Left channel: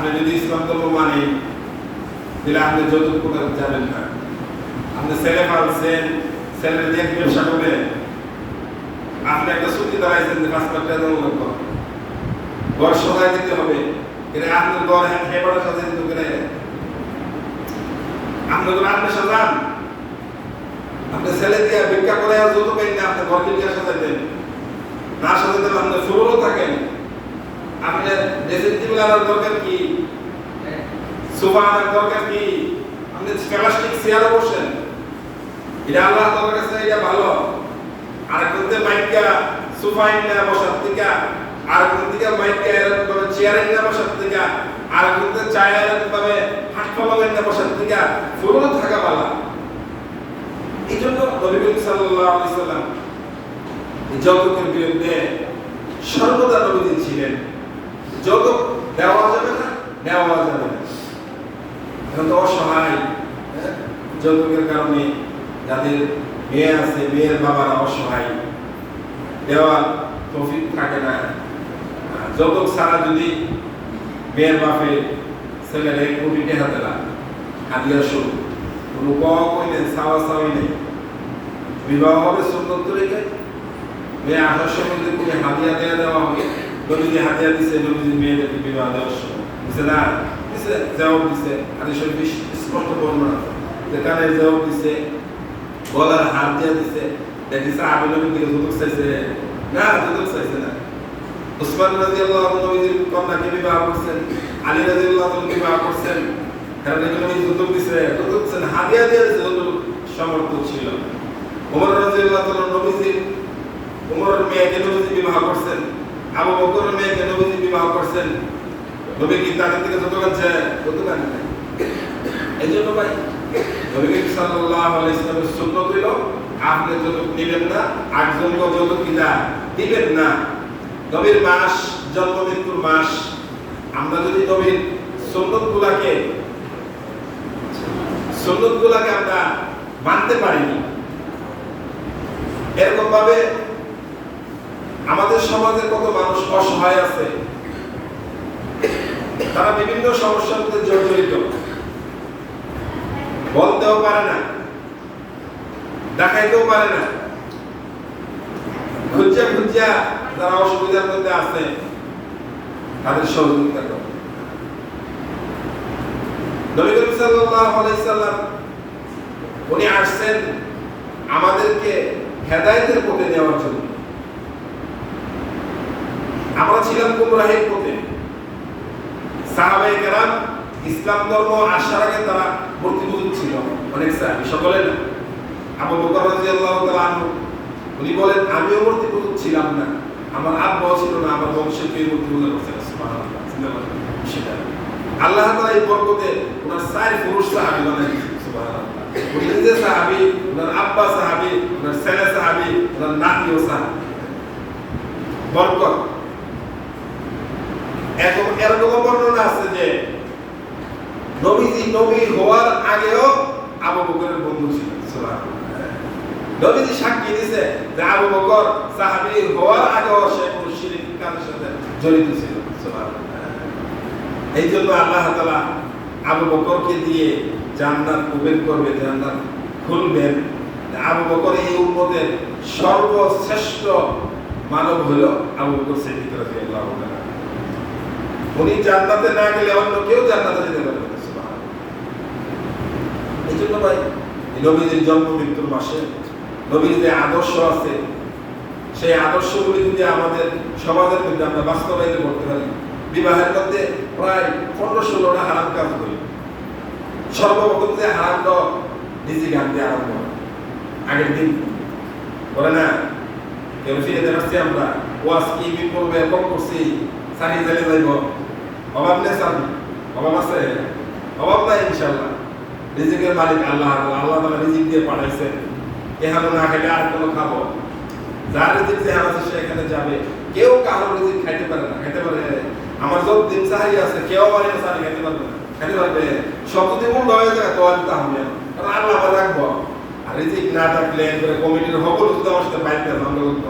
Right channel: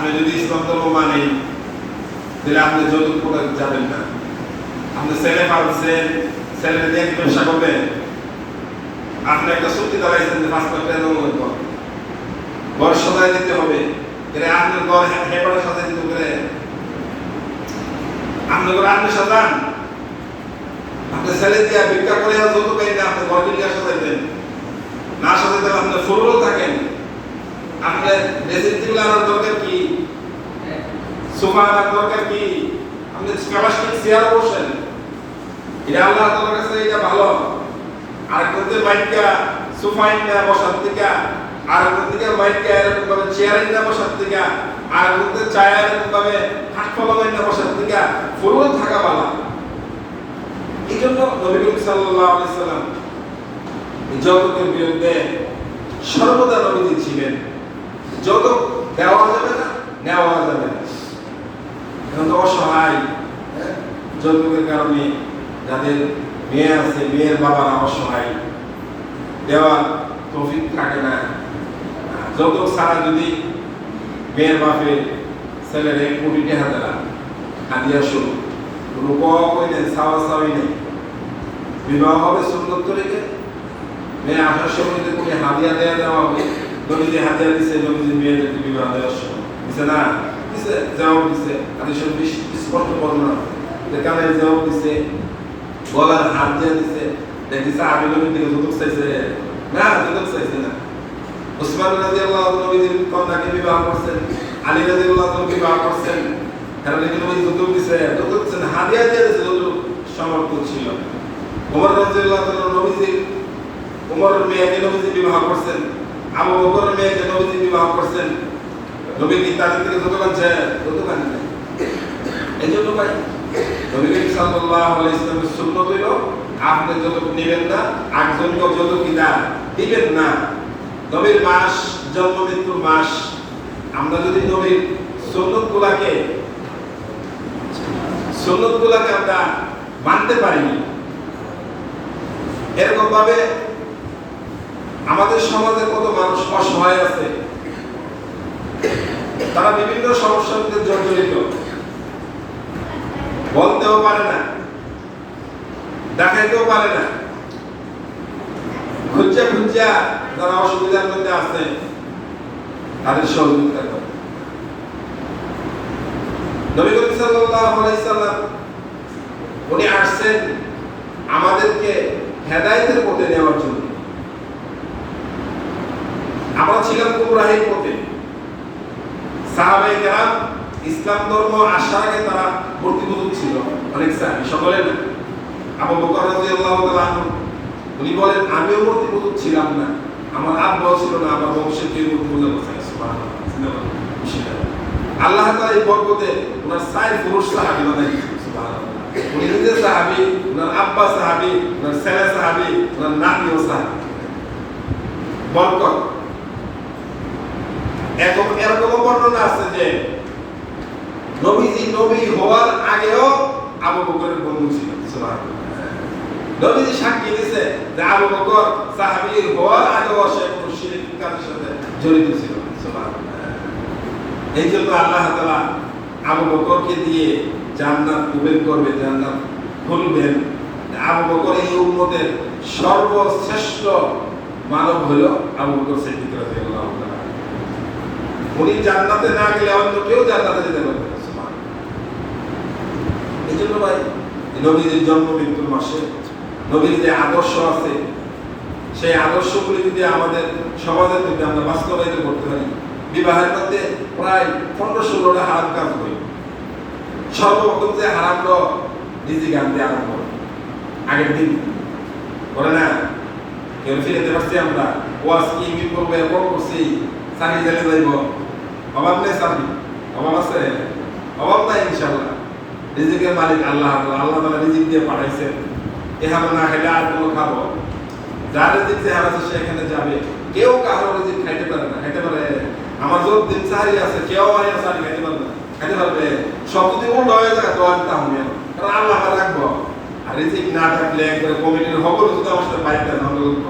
আপনি যদি ইসলাম ধর্ম মানেন তাহলে আপনি যৌতুক করে যাবেন না। আপনি ছেলে পালছেন, ছেলে নিয়ে ব্যবসা করবেন, আপনি একটা চুক্তি দাঁড়াইছেন যে 5 লাখ টাকা জমা করতে হবে, ঘর সাজায় দিতে হবে, আপনার ঘর হেবাটা সাজাই দিতে করে আপনার ঘরে আপনি সাজান, আপনি ছেলে দিয়ে ভিক্ষা করে যৌতুক পাই না, আপনি ঘর কিনে সাজাই দেন না, সাজাই দেন আপনি ফুলও থাকেন, আপনার ড্রেসিং টেবিল আনার দরকার কি, সোফা আনার দরকার কি, আপনি প্লাস্টিক চেয়ারে বসেন, এটা আল্লাহ তাআলার কাছে এটা ভালো। আর কোনতে মাইকা সোফা না বসার থেকে, আর কোনদিকে মাইকা এরকম ভাবে চেয়ারে না বসার থেকে, আর কোনতে চায়া এরকম ভাবে হাতফলা না বসার থেকে ফুলও থাকা ভালো। এই জন্য নবী করিম সাল্লাল্লাহু আলাইহি সাল্লাম যৌতুকের বিরুদ্ধে সর্বদা নবী ছিলেন। যৌতুক দেওয়া যাবে না, নেওয়া যাবে না। এখন তো অসহায়, যৌতুকের কারণে যাদের মেয়ে আছে, মেয়ের বাবারা অসহায়, দেওয়ার তৌফিক থাকে না। যৌতুক ছাড়া যদি মেয়ের বাপে ছেলের 1 কোটি টাকা দেয় হাদিয়া স্বরূপ, কোনো কমই নেই, চাওয়াই নেই, বিবাহ হবে সুন্নত তরিকে, মেয়ে আসার সময় যদি কোনো হাদিয়া দেওয়া হবে, নবীজি হাদিয়া দিছে, নবীজি মেয়েদেরকে বিবাহ দেওয়ার সময় দিছে না, দিছে, জবাব দিছে, হাদিস স্পষ্ট বর্ণনা যে কানের জবাব দিছে, গলার হাত দিয়ে দিছে, দেখছে আবু নবীর দিকে যৌতুক চাইছে না, যৌতুক চাইছে না। উসমান রাদিয়াল্লাহু আনহু নবীজির কন্যাকে বিবাহ করছেন, আলী রাদিয়াল্লাহু আনহু বিবাহ করছেন, কারণ নবীজি যৌতুক দিছে, যৌতুক দিছেন, হাদিয়া দিয়ে দিছে, যৌতুক সমর্থ ছিল। ওমর রাদিয়াল্লাহু আনহু নবীজি, ওমরের মেয়েকে নবীজি বিবাহ করছেন, আবু বকরের মেয়েকে নবীজি বিবাহ করছেন, নবী কি তাদের থেকে যৌতুক আনছে? যৌতুক আনেন নাই। এই জন্য ভাই নবী সাল্লাল্লাহু আলাইহি ওয়াসাল্লামের সুন্নাত হলো আপনি যৌতুক নেবেন না, একজনকে যৌতুক কিনা দিবেন না। নবীর মাস, জন্ম মৃত্যুর মাস, আমরা যদি নবীর সুন্নাতগুলোকে আমরা মানতে পারিনি, এরকম ভাবে আমাদের সমাজে কত মানুষ অসহায় আছে, তারা বিভিন্ন সমস্যার মধ্যে জর্জরিত, বলতেও পারে না, দেখাইতেও পারে না, খুঁজা যারা অসুবিধার মধ্যে আছে তাদের সহযোগিতা করে। নবী করিম সাল্লাল্লাহু আলাইহি সাল্লাম উনি আসছেন আমাদেরকে হেদায়েতের পথে নেওয়ার জন্য। আমরা ছিলাম গুমরাহির পথে। সাহাবায়ে কেরাম ইসলাম ধর্ম আসার আগে তারা মূর্তিপূজক ছিল, অনেক সাহাবী, সকলে না। আবু বকর রাদিয়াল্লাহু তাআলা আনহু উনি বলেন আমিও মূর্তিপূজক ছিলাম না, আমার আব্বাও ছিল না, আমার বংশের কেউ মূর্তিপূজক ছিল না। সুবহানাল্লাহ। আল্লাহ তাআলা এই বরকতে ওনার 4 পুরুষ সাহাবী বানাইছেন। সুবহানাল্লাহ। উনি নিজে সাহাবী, ওনার আব্বা সাহাবী, ওনার ছেলে সাহাবী, ওনার নাতিও সাহাবী। বরকত। এরকম বর্ণনা আছে যে নবীজি নবী হওয়ার আগেও আবু বকরের বন্ধু ছিলেন। সুবহানাল্লাহ। নবীজি সাক্ষী দিয়েছে যে আবু বকর সাহাবী হওয়ার আগেও সে মুশরিক কাজের সাথে জড়িত ছিল। সুবহানাল্লাহ। এই জন্য আল্লাহ তাআলা আবু বকরকে দিয়ে জান্নাত কবুল করবে, জান্নাত খুলবেন। আবু বকর এই উম্মতের সর্বশ্রেষ্ঠ মানব হলো আবু বকর সিদ্দিক রাদিয়াল্লাহু তাআলা। উনি জান্নাতে না গেলে অন্য কেউ জান্নাতে যেতে পারবে না। সুবহানাল্লাহ। এই জন্য ভাই নবীজির জন্ম মৃত্যুর মাসে নবীর যে আদর্শ আছে, সেই আদর্শগুলি যদি আমাদের সমাজের মধ্যে আমরা বাস্তবায়িত করতে পারি, বিবাহের মধ্যে প্রায় 15-16টা হারাম কাজ হয়। সর্বপ্রথম যে হারামটা রিজিক আনতে আরম্ভ আগের দিন বলে না, কেউ ফিরে পারছি আমরা, ওয়াজ কি মিল করবে, কম করছি, সারি জালে যাইব, অভাব নেই, সারি অভাব আছে, অভাব নাই ইনশাআল্লাহ। রিজিকের মালিক আল্লাহ, আল্লাহ তাআলা রিজিক দিয়ে পাঠাইছেন। এখানে না খেলে আর কোনো খাবো, যার রিজিক যেখানে আছে সেখানে যাবে। কেউ কারো রিজিক খাইতে পারে না, খাইতে পারে। আমার যত দিন সারি আছে, কেউ আর সারি খাইতে পারবে না, খাইতে পারবে। সব যদি উল্টো হয়ে যায় তো আর তা হবে, কারণ আল্লাহ আমার রাখবো। আর রিজিক না থাকলে একবারে কমিটির হবল যদি আমার সাথে বাইরে ধান্দা করতো,